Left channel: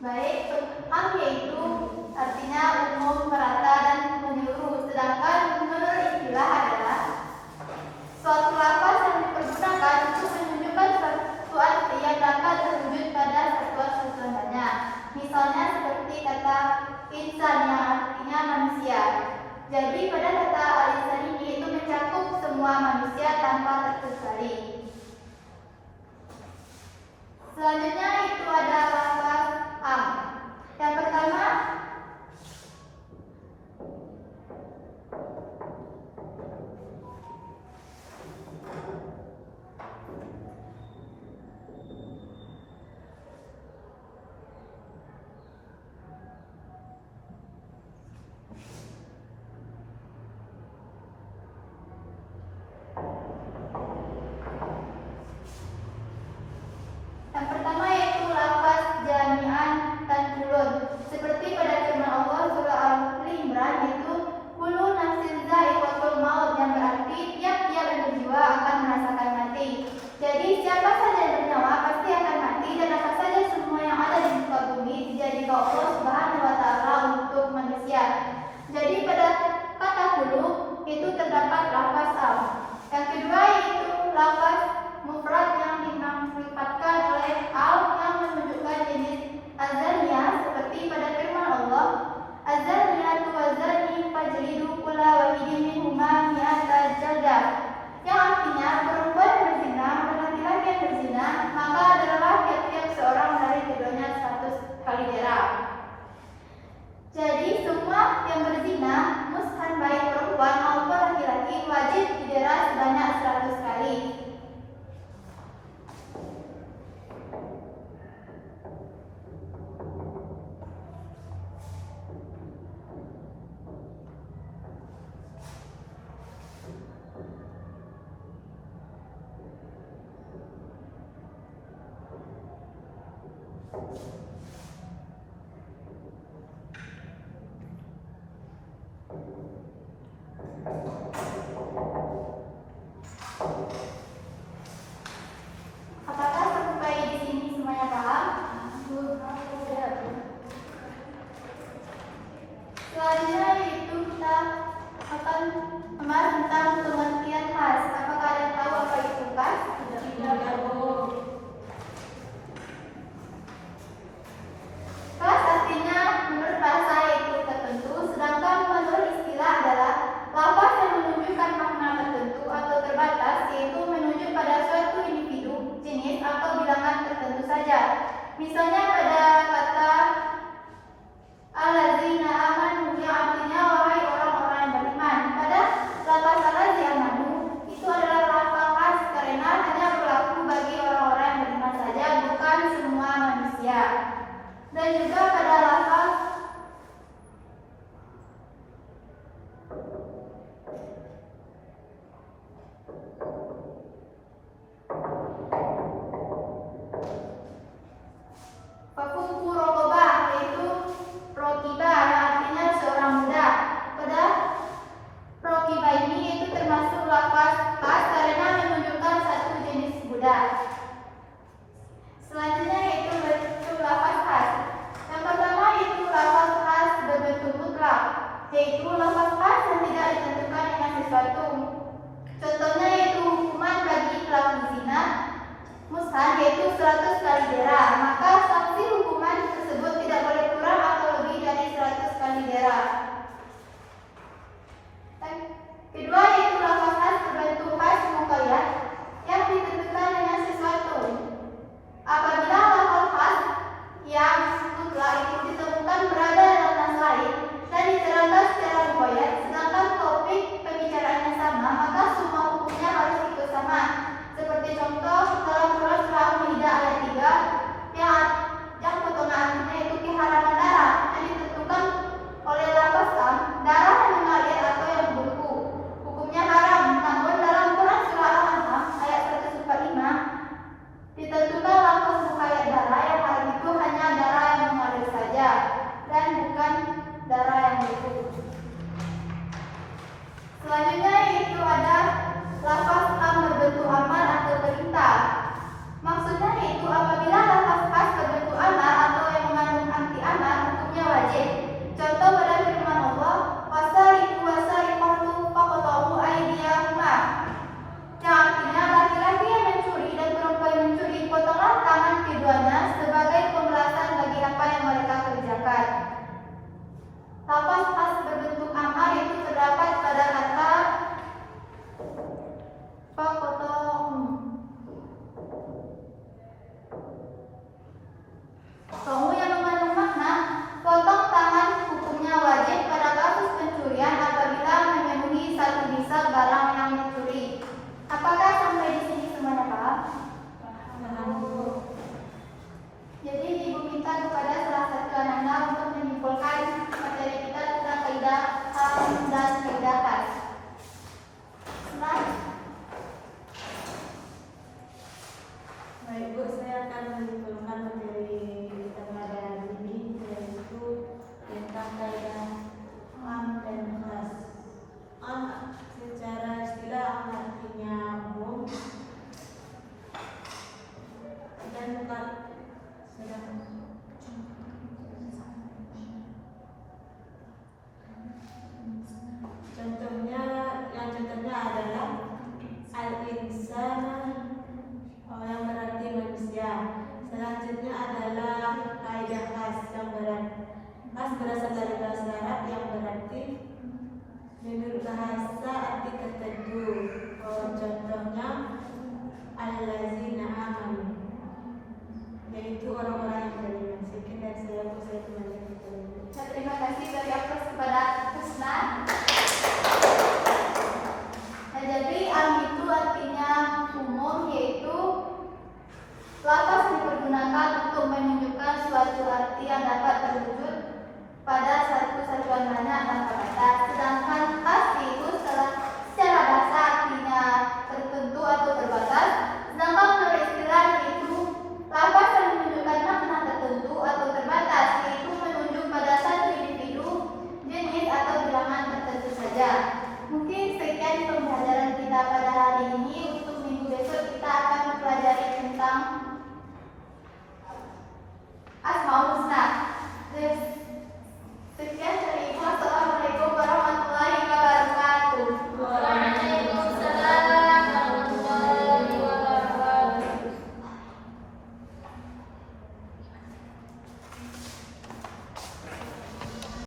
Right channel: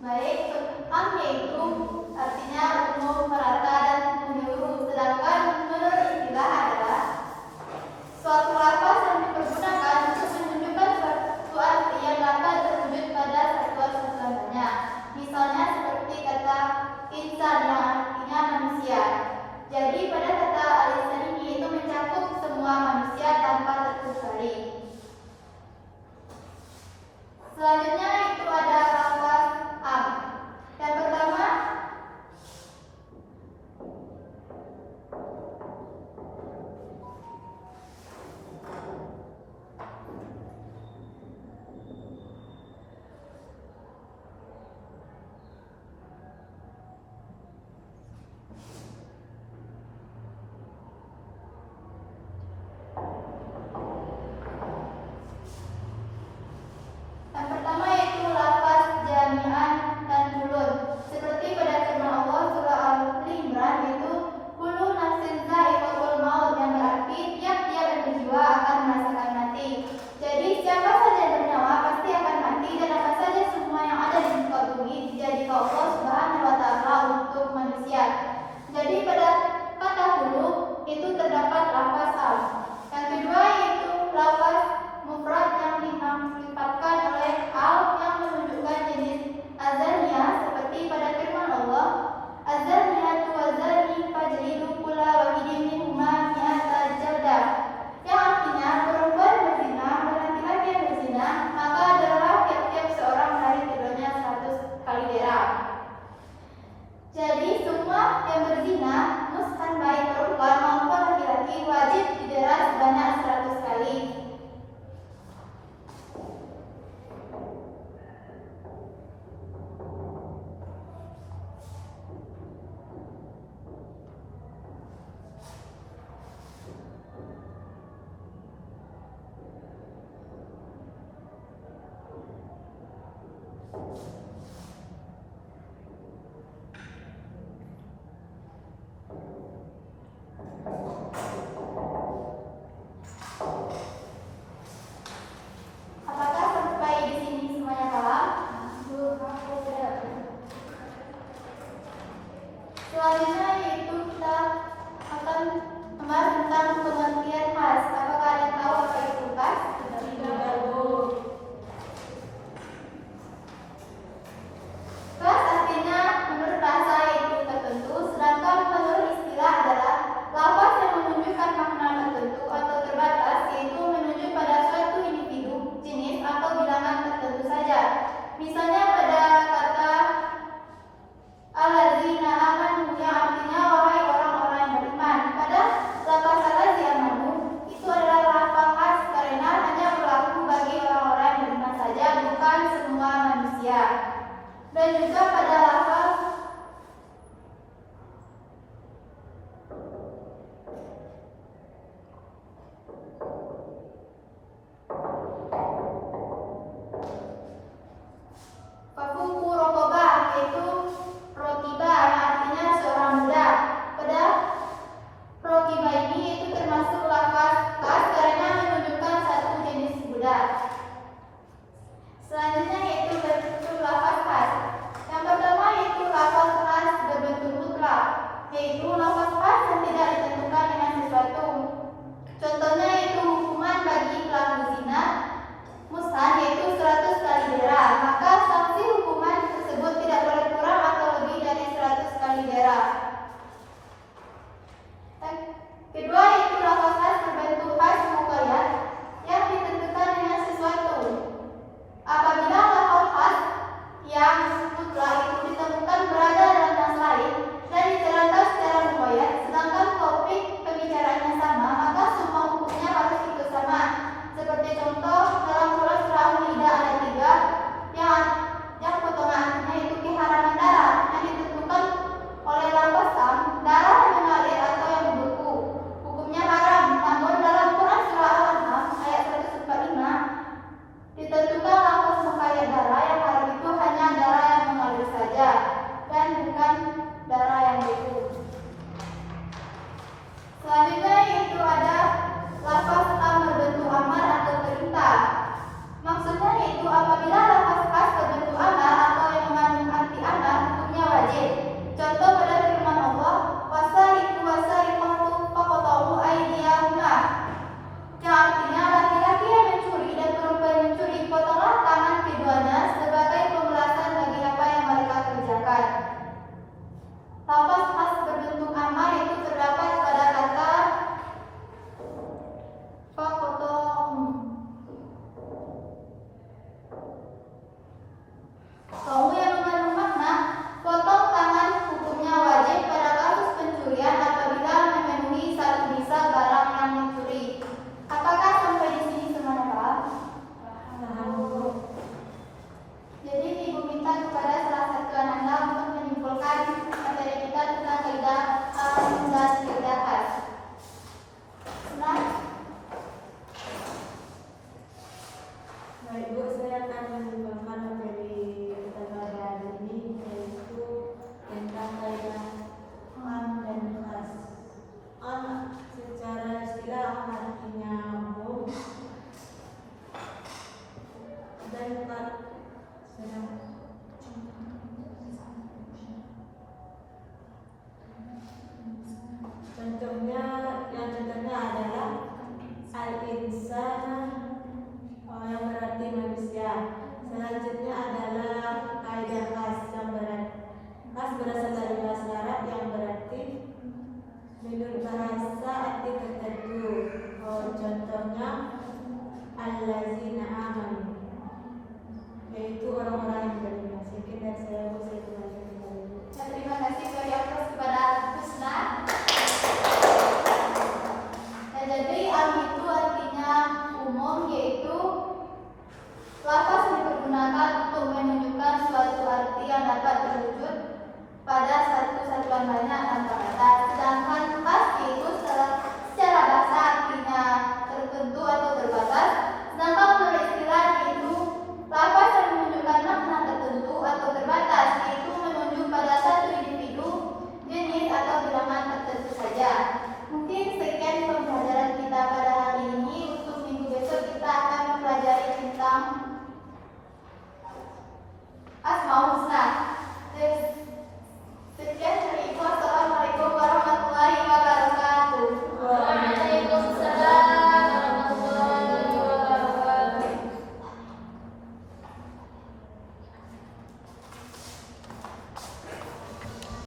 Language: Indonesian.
Baik, am yaitu artinya umum, merata, dan menyeluruh. Sedangkan menurut istilah adalah suatu lafaz yang dipergunakan untuk menunjukkan suatu arti yang dapat terwujud pada satuan susunan banyak. Misalnya seperti kata insan yang artinya manusia. Jadi pada kata al-insan ini itu mencakup semua manusia tanpa terkecuali. Selanjutnya itu ada lafaz am. Yang pertama yaitu lafaz jami'an tanjulun. Seperti pada firman Allah surah Al-Imran yaitu kullu nafsin dha'iqatul maut, yang berarti tiap-tiap yang berjiwa akan merasakan mati. Jadi siapa saja yang bernyawa pasti akan mati, dan apa saja semua yang ada di muka bumi dijadikan Allah Subhanahu wa taala untuk manusia. Jadi pada kata kullu itu terdapat lafaz am. Yang kedua yaitu lafaz mufrad yang dimanfaatkan oleh al yang menunjukkan jenis azaniyah, seperti pada firman Allah azaniyatu wazani fajlidu kulla wahidin minhuma mi'ata jaldah, yang artinya perempuan berzina dan laki-laki yang berzina maka adalah tiap-tiap seorang dari keduanya 100 kali derah. Jadi semua yang berzina, mustan baik perempuan maupun laki-laki, wajib didera sebanyak 100 kali. Apakah sampai di sini semuanya paham? Selanjutnya yaitu kita akan membahas tentang pengertian khas. Apakah ada yang tahu apa itu khas? Khas artinya menurut bahasa yaitu tertentu, sedangkan menurut istilah adalah lafaz yang menunjukkan makna tertentu atau terbatas, yaitu menunjuk pada suatu individu, jenis atau bilangan tertentu saja. Misalnya pada kata allazina amanu yang artinya wahai orang-orang yang beriman. Pada lafaz allazi amanu itu adalah lafaz khas karena hanya berlaku bagi orang-orang yang beriman saja, bukan semua manusia. Dan juga pada lafaz fafuku rokobah yaitu prokiba yang artinya seorang muda. Pada prokiba ini itu termasuk lafaz khas karena menunjukkan satu jenis budak. Selanjutnya yaitu bentuk lafaz khas. Yang pertama yaitu lafaz khas berbentuk mutlak, yaitu lafaz khas yang tidak ditentukan dengan sesuatu. Contohnya yaitu hukuman bagi pelaku zina mustan yaitu 100 kali derah, maka sanksi hukuman tersebut tidak boleh kurang atau lebih dari 100 kali derah. Kedua yaitu lafaz khas berbentuk khas muqayyad yang ditentukan dengan sesuatu. Apabila lafaz khas yang mutlak itu ditemukan berada dalam tas lain dan diterangkan secara muqayyad, sedangkan topik pembicaraannya sama, maka semua hukumnya harus ikut sama. Seperti contoh dalam surah Al-Maidah ayat 3 contohnya adalah al-insana, yang berarti manusia. Selanjutnya adalah kaidah khas, yang berarti khas berasal dari bahasa Arab yang berarti menurut bahasa arti tertentu. Contohnya allazina amanu, yaitu orang-orang yang beriman. Sedikit dari saya kembalikan kepada Ibu. Terima kasih dari Apres kepada Kusna. Nah, jadi am itu artinya umum, yaitu lafaz dipergunakan untuk menunjukkan suatu arti yang dapat terwujud pada satu satuan banyak tanpa batas. Sedangkan khas itu secara bahasa artinya tertentu atau terbatas. Sedangkan menurut istilah itu lafaz yang menunjukkan makna tertentu atau terbatas, yaitu menunjuk pada satu individu, jenis atau bilangan tertentu saja. Mungkin sekian pembelajaran kita pada hari ini. Untuk minggu besok kita akan mempelajari tentang